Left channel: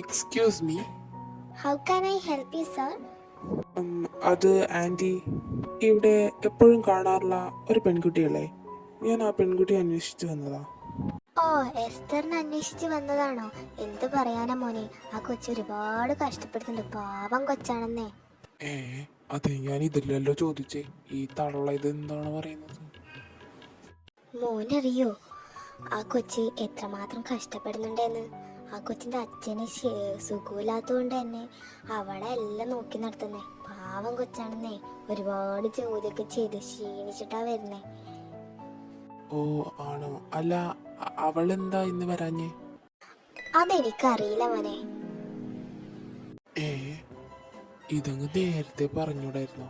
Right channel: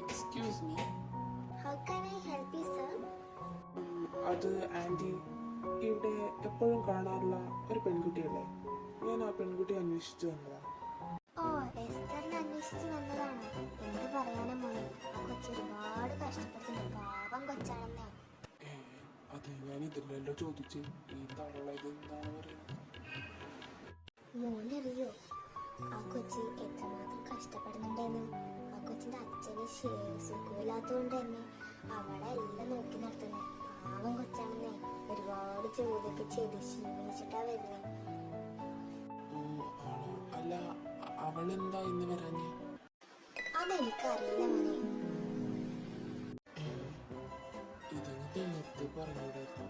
Excuse me. How can I help you, sir? അത് anti ഇവിടെ എപ്പോഴും കാണാറുള്ള ഒരു പെൺകുട്ടിയല്ലേ? ഞാൻ ആ പെൺകുട്ടിയെ അന്വേഷിച്ചു വന്നതാ. ഓ, എസ്തറിനെ അന്വേഷിച്ച് വന്നതാണോ? എന്ത് പറയാനാ മോനെ, ആ കൊച്ചു ഒരുപാട് കഷ്ടപ്പെടുന്നുണ്ട്. പാവം കൊച്ചാണെന്നേ. ഏ അതെ, ഞാൻ ഇതില്ലല്ലോ ചോദിച്ചേ. ഈ തള്ള ഇത് എന്താണ് പറയുന്നത്? മോനറിയോ ആ കൊച്ച് എത്രമാത്രം കഷ്ടപ്പെടുന്നുണ്ടെന്ന്? ആ കൊച്ചിന്റെ അച്ഛന് സുഖമില്ലാത്തതുകൊണ്ട് തന്നെ അവളെ എല്ലാം നോക്കി നടത്തുന്നേ. പാവം കൊച്ചാണെന്നേ. ഒരുപാട് ജോലിയൊക്കെ ചെയ്ത് ക്ഷീണിച്ചിട്ടാ വരുന്നേ. ഓ ആണോ? അല്ല, അവളെന്താ ഇന്ന് വരാഞ്ഞേ? അതെനിക്കറിയില്ല മോനെ. ഏ ഇതങ്ങ് നേരത്തെ പറഞ്ഞൂടായിരുന്നു.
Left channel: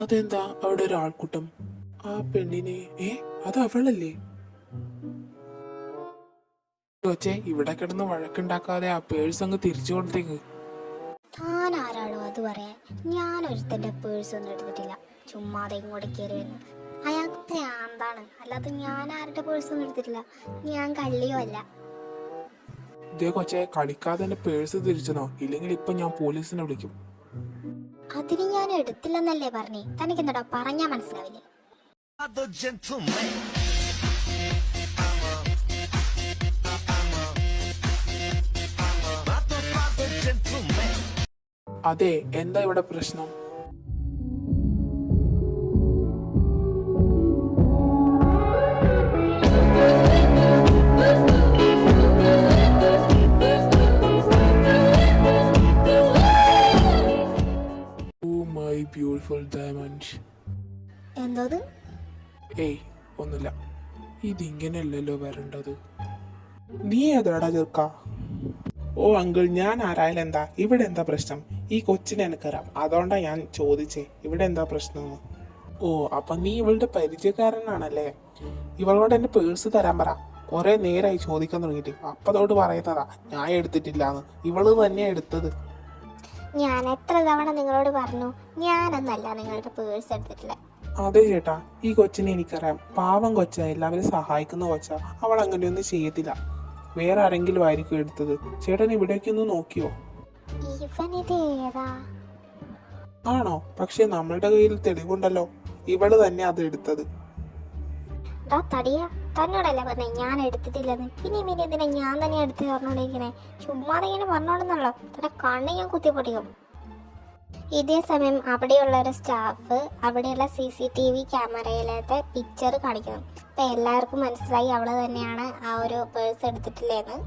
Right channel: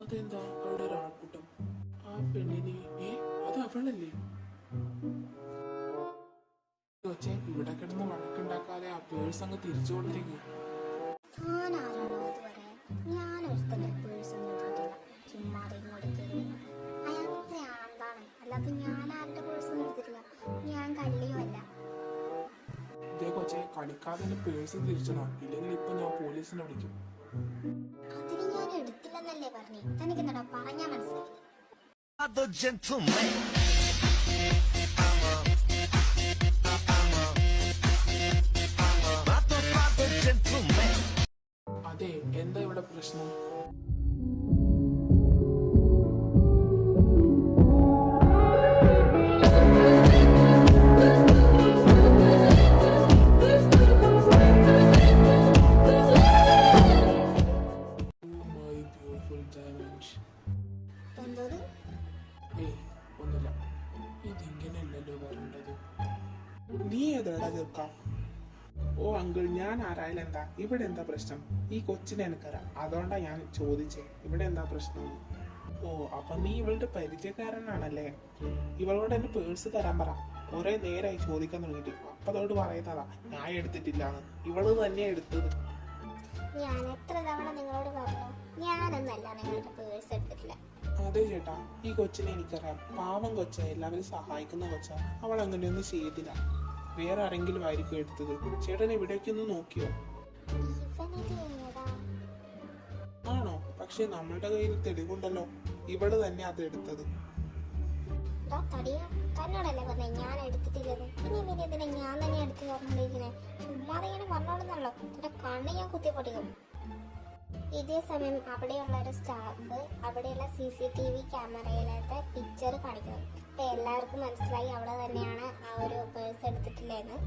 അതെന്താ അവിടെ ഒരാൾക്കൂട്ടം? ആ പെണ്ണിനെ അത് അവളല്ലേ? കൊച്ചേ, ഇവിടെ കിടന്ന് വഴക്കുണ്ടാക്കാതെ ആ പേഴ്സ് അങ്ങ് തിരിച്ചു കൊടുത്തേക്ക്. താൻ ആരാണോ അത് പറയാൻ? ഞാൻ ഒരുത്തന്റെ പേഴ്സ് ഒന്നും എടുത്തിട്ടില്ല. ചുമ്മാതെ ഇങ്ങോട്ട് കയറി വരുന്നു. അയാൾക്ക് ഭ്രാന്താണ്. അല്ലാതെ ഞാൻ ആരുടെ പേഴ്സ് ഒന്നും എടുത്തിട്ടില്ല. ഞാൻ കള്ളിയോ അല്ല. ഇതേ കൊച്ചേ, കളിക്കാതെ എന്റെ പേഴ്സ് തിരിച്ചണോ? ഇല്ലെങ്കിൽ ഇപ്പൊ ഞാൻ പോലീസിനെ വിളിക്കും. അതിന് ഞാൻ എടുത്തില്ലെന്നല്ലേ പറഞ്ഞേ? തനിക്കെന്താ പറഞ്ഞാ മനസ്സിലാവില്ലേ? അതെ, എന്താ ഇവിടെ പ്രശ്നം? Beautiful diamond. എന്തോത്? ഏയ് ഒന്നുമില്ല. ഇതിങ്ങനെയല്ലല്ലോ വരേണ്ടത്. നീ ഏതാടാ ചെറുക്ക? ഓ അങ്കിൾ, ഞാൻ ആരായാലും എന്താ? ഇവിടെ എന്താ പ്രശ്നം? ഈ കൊച്ചിനെ എനിക്കറിയാം, അതുകൊണ്ടാ ഞാൻ ചോദിച്ചേ ഇവിടെ എന്താ പ്രശ്നം. ഓ, അപ്പൊ നീ ഇവളുടെ പരിചയക്കാരനാണല്ലേ? ഇവളോട് എന്റെ പേഴ്സ് തരാൻ പറ. കുറെ നേരമായി ചോദിക്കാൻ തുടങ്ങിയിട്ട്. അപ്പതോട് പറയുന്നതാ ഞാൻ എടുത്തിട്ടില്ലാന്ന്. ഇവള് തന്നെയാ എടുത്തത്. ഞാൻ എത്ര തവണ നിങ്ങളോട് പറഞ്ഞു ഞാനൊന്നല്ല നിങ്ങളുടെ പേഴ്സ് എടുത്തിട്ടില്ല. അതെ ചേട്ടാ, ഈ കൊച്ചിനെ എനിക്കറിയാം. പാവം കൊച്ചാ, എല്ലാവരും സഹായിക്കുന്ന കൊച്ചാ. അവൾ അങ്ങനെയൊന്നും ചെയ്യത്തില്ല. വേറെ ആരെങ്കിലും ആയിരിക്കും എടുത്തത്. ചേട്ടൻ ഇവിടേക്ക് ഒന്ന് നോക്കിയോ? ആണോ? പക്ഷെ നമ്മളുടെ കയ്യിൽ തെളിവുണ്ടല്ലോ. ഇവള് തന്നെ അത് എടുത്തത്. തന്നോടല്ലേ പറഞ്ഞേ ഞാൻ എടുത്തിട്ടില്ലെന്ന്? പിന്നെ എന്തിനാ ഞാൻ തന്നെ എടുത്ത് പറഞ്ഞോണ്ടിരിക്കണേ? ചുമ്മാതെ ഇങ്ങനെ പറഞ്ഞോണ്ടെന്നല്ലോ. തന്റെ കണ്ണ് ഞാൻ കുത്തിപ്പൊട്ടിക്കും. ഇതേ സമയം അവിടെയുള്ള ഒരു സ്റ്റാഫ് അവിടെയുള്ള CCTV ക്യാമറയിലത്തെ പിക്ചർ കാണിക്കുന്നു. അപ്പൊ എല്ലാവർക്കും മനസ്സിലായി അവള് തന്നെയാണ് ആ ഒരു പേഴ്സ് എടുത്തിട്ടില്ലേന്ന്.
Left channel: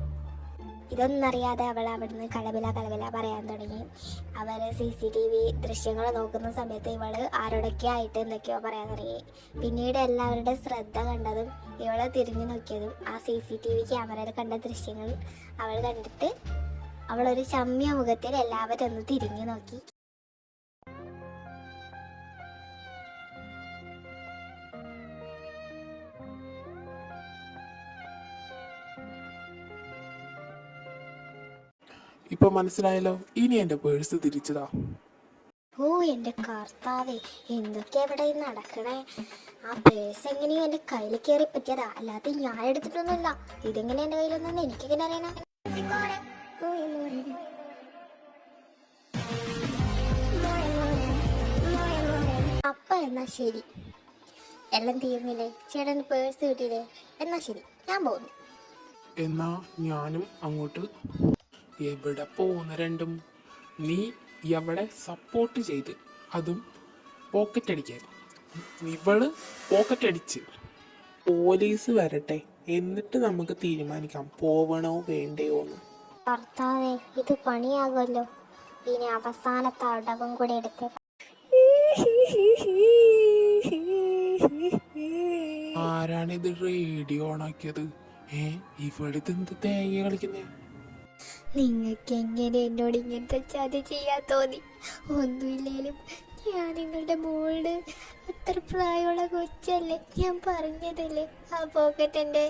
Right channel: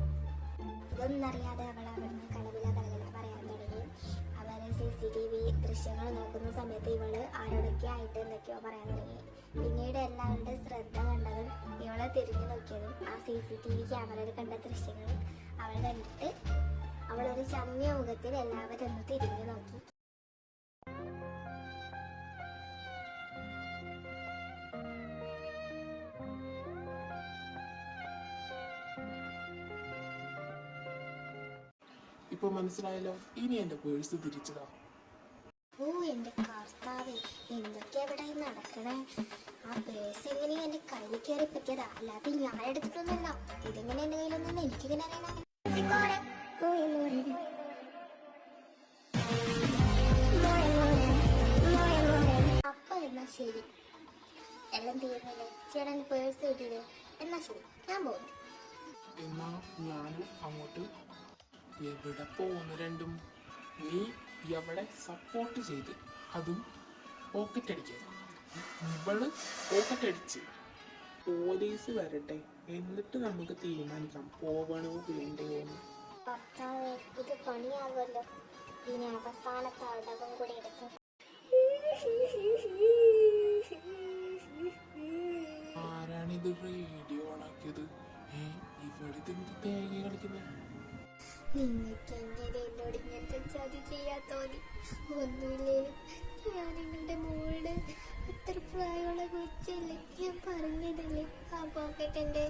ഇതൊന്നും അറിയാതെ അവൾ അവിടുന്ന് കലബില പറയാൻ തുടങ്ങി. അവര് CCTV ദൃശ്യങ്ങൾ നോക്കുന്ന സമയത്ത് ഇവള് ആരോടൊക്കെ ആയിട്ട് എന്തൊക്കെയോ പറയാൻ തുടങ്ങി. പിന്നീട് എല്ലാവരുടെ ശ്രദ്ധ കണ്ടതും ഇവളെ തിരിഞ്ഞു നോക്കിയതും ആ CCTV ക്യാമറയിൽ കണ്ട ദൃശ്യങ്ങൾ അവൾ കണ്ടിട്ട് അവളൊരു ചമ്മിയ മുഖത്തിൽ എല്ലാവരും ഒന്ന് തിരിഞ്ഞു നോക്കി. ഇപ്പൊ മനസ്സിലായല്ലോ. ഇനി എന്റെ പേഴ്സ് തിരിച്ചതാ. ഓ എന്റെ കർത്താവേ, എന്തൊക്കെയാ ഇവിടെ നടക്കണേ? ആ പേഴ്സ് എങ്ങനെയോ എന്റെ കയ്യിൽ കയറി പറ്റിയതാ, അല്ലാതെ ഞാൻ എടുത്തിട്ടൊന്നുമില്ല. ഇതെങ്ങനെ എന്റെ കയ്യിലൊന്നും എനിക്കെങ്ങനെ അറിയണ? അപ്പ എന്നാ ശരി, എല്ലാം തീർന്നില്ലേ? ചേട്ടൻ പേഴ്സ് കിട്ടിയില്ലേ? എന്നാ ശരി, ഞാൻ പോകുന്നു. എന്നാ ഞാനും അങ്ങോട്ട്. എവിടെ പോകുന്ന രണ്ടും? നീ എവിടെ സപ്പോർട്ട് ചെയ്ത്, അതും പോക്കറ്റ് അടിക്കാൻ. ഇവള് പോക്കറ്റ് അടിച്ച്. പോലീസ് വരട്ടെ, എന്നിട്ട് നമുക്ക് തീരുമാനിക്കാം പോവണോ വേണ്ടയോ എന്ന്. ഭർത്താവേ, ഇത് പണിയാകുമല്ലോ. ഇനി അവസാനത്തെ അടവും കൂടി എടുത്ത്. ആരാണിത് റേഡിയോ ഓണാക്കിയത്? ഇവിടെ എന്ത് തേങ്ങ കളിക്കുന്നേ? നിങ്ങൾക്ക് എങ്ങനെ എന്നോട് ഇങ്ങനത്തെ ചതി ചെയ്യാൻ തോന്നി? ഒന്നുമില്ലേലും ഞാൻ നിങ്ങളുടെ മോളുടെ അത്ര പ്രായമുള്ള കൊച്ചല്ലേ? ഞാൻ പറഞ്ഞതല്ലേ ആ പോക്കറ്റ് എൻ്റെ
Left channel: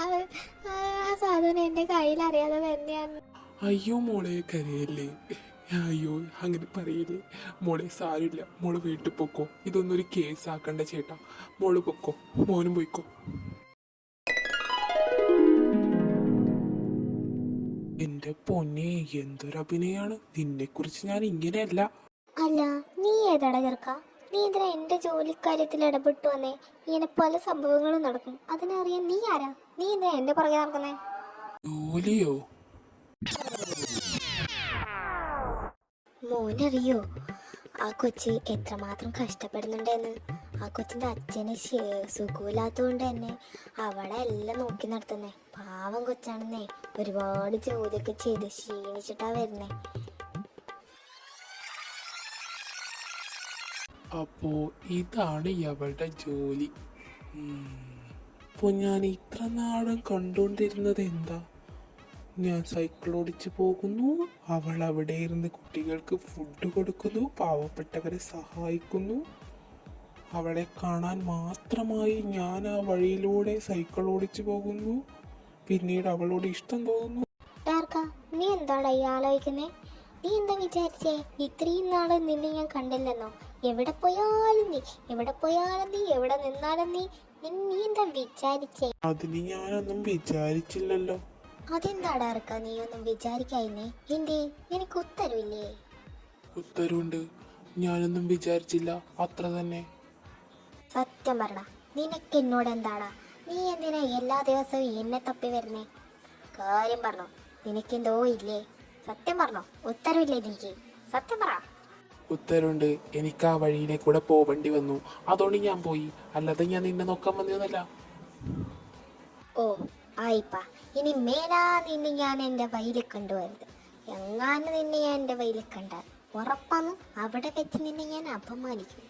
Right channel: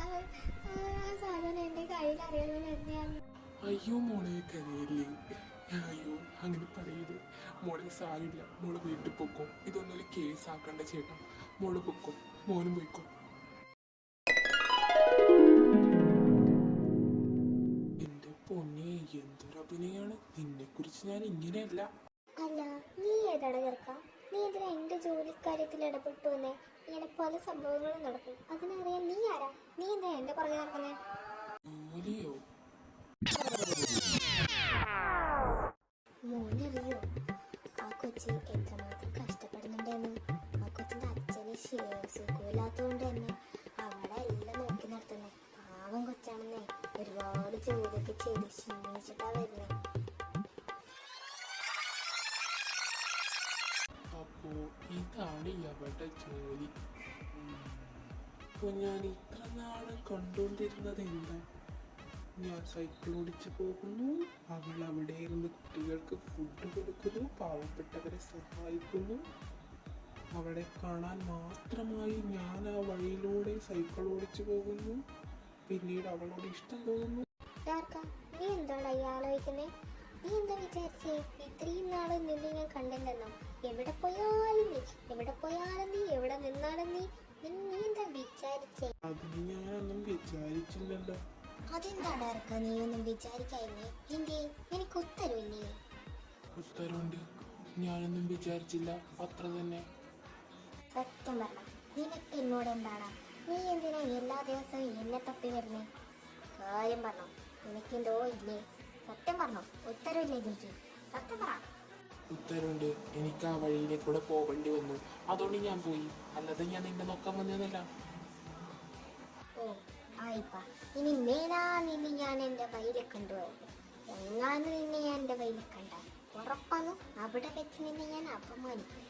ആ സാധനം എൻ്റെ കയ്യിൽ അറിയാതെ തന്നെയാണ്. അയ്യോ മോളെ, കരയല്ലേ. അയ്യോ അങ്ങനെ പറയില്ലേ മോളെ. സാരില്ല, മോള് വീട്ടിൽ പൊക്കോ. ഇതൊന്നും ഒരു കേസാക്കണ്ട ചേട്ടാ. മോള് പൊക്കോ, മോനും പോയിക്കോ. എന്റെ പൊന്നെ, എന്തൊരു അഭിനയാണ്! നിന്നെ കുറിച്ച് ഞാൻ ഇങ്ങനെയല്ല. അല്ല, നീ ഏതാടാ ചെറുക്ക? നീ എന്തിനാ എന്റെ ജോലിക്കാര്യത്തിൽ ഇടപെട്ടു വന്നേ? ഇങ്ങനെ പല സംഭവങ്ങളും നടക്കും, അതിനറിയാൻ നീ ആരാ? നീ എന്തിനാ എന്റെ പുറകെ നടക്കുന്നേ? ജോലിയോ? മോനറിയോ ആ കൊച്ച് എത്രമാത്രം കഷ്ടപ്പെടുന്നുണ്ടെന്ന്? ആ കൊച്ചിന്റെ അച്ഛന് സുഖമില്ലാത്തതുകൊണ്ട് തന്നെ അവളെ എല്ലാം നോക്കി നടത്തുന്നേ. പാവം കൊച്ചാണെന്നേ, ഒരുപാട് ജോലിയൊക്കെ ചെയ്ത് ക്ഷീണിച്ചിട്ടാ വരുന്നേ. അപ്പോ ഇതാണ് അവളുടെ ജോലി. അപ്പൊ ഞാൻ ഇത്ര നാളും കണ്ടുകൊണ്ടിരുന്നത് എന്താ? ഞാൻ സൈക്കിൾ ഓടിച്ചു പോകുന്നു, അവൾ അവിടെ ഇരുന്ന് കുട്ടികൾക്ക് ഫുഡ് കൊടുക്കുന്നു, പാവപ്പെട്ടവരെ സഹായിക്കുന്നു. അവളെ കാണാൻ മാത്രമായി ഞാൻ ആ വഴിയിലൂടെ സൈക്കിൾ ഓടിച്ചു പോകുന്നു. പിന്നീട് അവളോട് ഇഷ്ടം തോന്നുന്നു. നീ എന്താടാ ഈ ആലോചിക്കുന്നേ? നീ എന്താ വിചാരിച്ചേ? ഇത്രയും നാള് നിന്നെ ഞാൻ കണ്ടില്ലെന്നോ? എവിടെ പോയാലും നീ, എവിടെ പോയാലും നീ, എവിടെ നിന്നാലും നീ, നീ എന്താ വിചാരിച്ചേ? അതിന് ഞാനൊന്നും വിചാരിച്ചില്ലല്ലോ. അതെന്താടാ ഇറക്ക നീ ഒന്നും വിചാരിക്കായില്ലേ? എന്തേ, നിനക്ക് ഉത്തരവില്ലേ? ഉത്തരവുണ്ട്, ഞാനൊന്നും വിചാരിച്ചില്ല, അത്ര തന്നെ. സത്യം പറഞ്ഞ, നിനക്ക് എന്നോട് എന്താടാ? നീ എന്തിനാ എല്ലാ ദിവസവും എന്നെ തപ്പി വരുന്നേ? കാര്യം പറഞ്ഞോ, നിനക്കെന്തോ ഇല്ലേ? സത്യം പറഞ്ഞോ, ഉത്തരവില്ലേ എനിക്ക്? സത്യം പറ. ഉത്തരവുണ്ട്, എനിക്ക് ആ വഴിയിലേക്കൂടെ പോവേണ്ടി വന്നു, അതുകൊണ്ട് ഞാൻ പോയി, അല്ലാതെ ഞാൻ നിന്നെ നോക്കാൻ വന്നതല്ല. ഓ ആയിപ്പാ, ഇനി മേലാ നിന്നെ ഞാൻ എൻ്റെ വഴിയിൽ കണ്ടുവരുത്. എങ്ങാനും നിന്നെ ഞാൻ എൻ്റെ വഴിയിൽ കണ്ടാൽ ഉറപ്പാണ് അവിടെ വെച്ച് നിന്നെ ഞാൻ അപമാനിക്കും.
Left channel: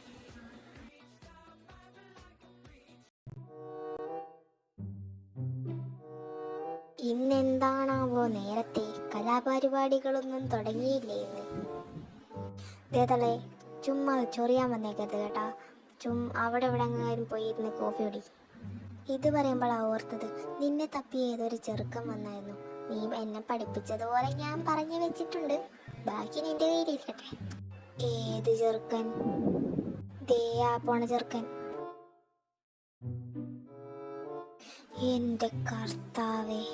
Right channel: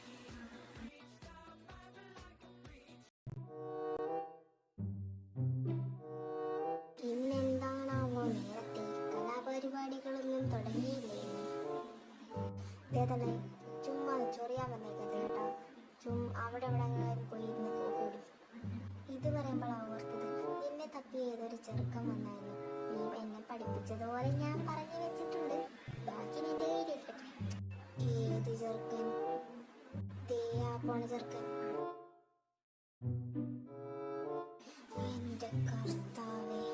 ഇന്നെന്താണാവോ നേരത്തെ? കലാപരിപാടികളൊന്നും തുടങ്ങിയില്ലേ ഇന്ന്? ചുമ്മാ ചൊറിയാൻ വന്നേക്കരുത് കേട്ടാ. അവിടെ ഇവിടെ എങ്ങാനും പോയി ഇരുന്ന് കോഫി കുടി. ഇത് പറയുമ്പോഴാ ഓർത്തത്, നിന്നെ തപ്പി ഏതൊരു ചെറുക്കൻ വന്നായിരുന്നു. നീ എന്നെ പഠിപ്പിച്ചതുപോലെ ഞാൻ പറഞ്ഞു വെച്ചിട്ടുണ്ട്, ബാക്കി നിന്റെ കയ്യിലിരിക്കട്ടെ. ഏത് ചെറുക്കൻ? ദേ ആ പോണ ചെറുക്കൻ. എന്റെ കർത്താവേ,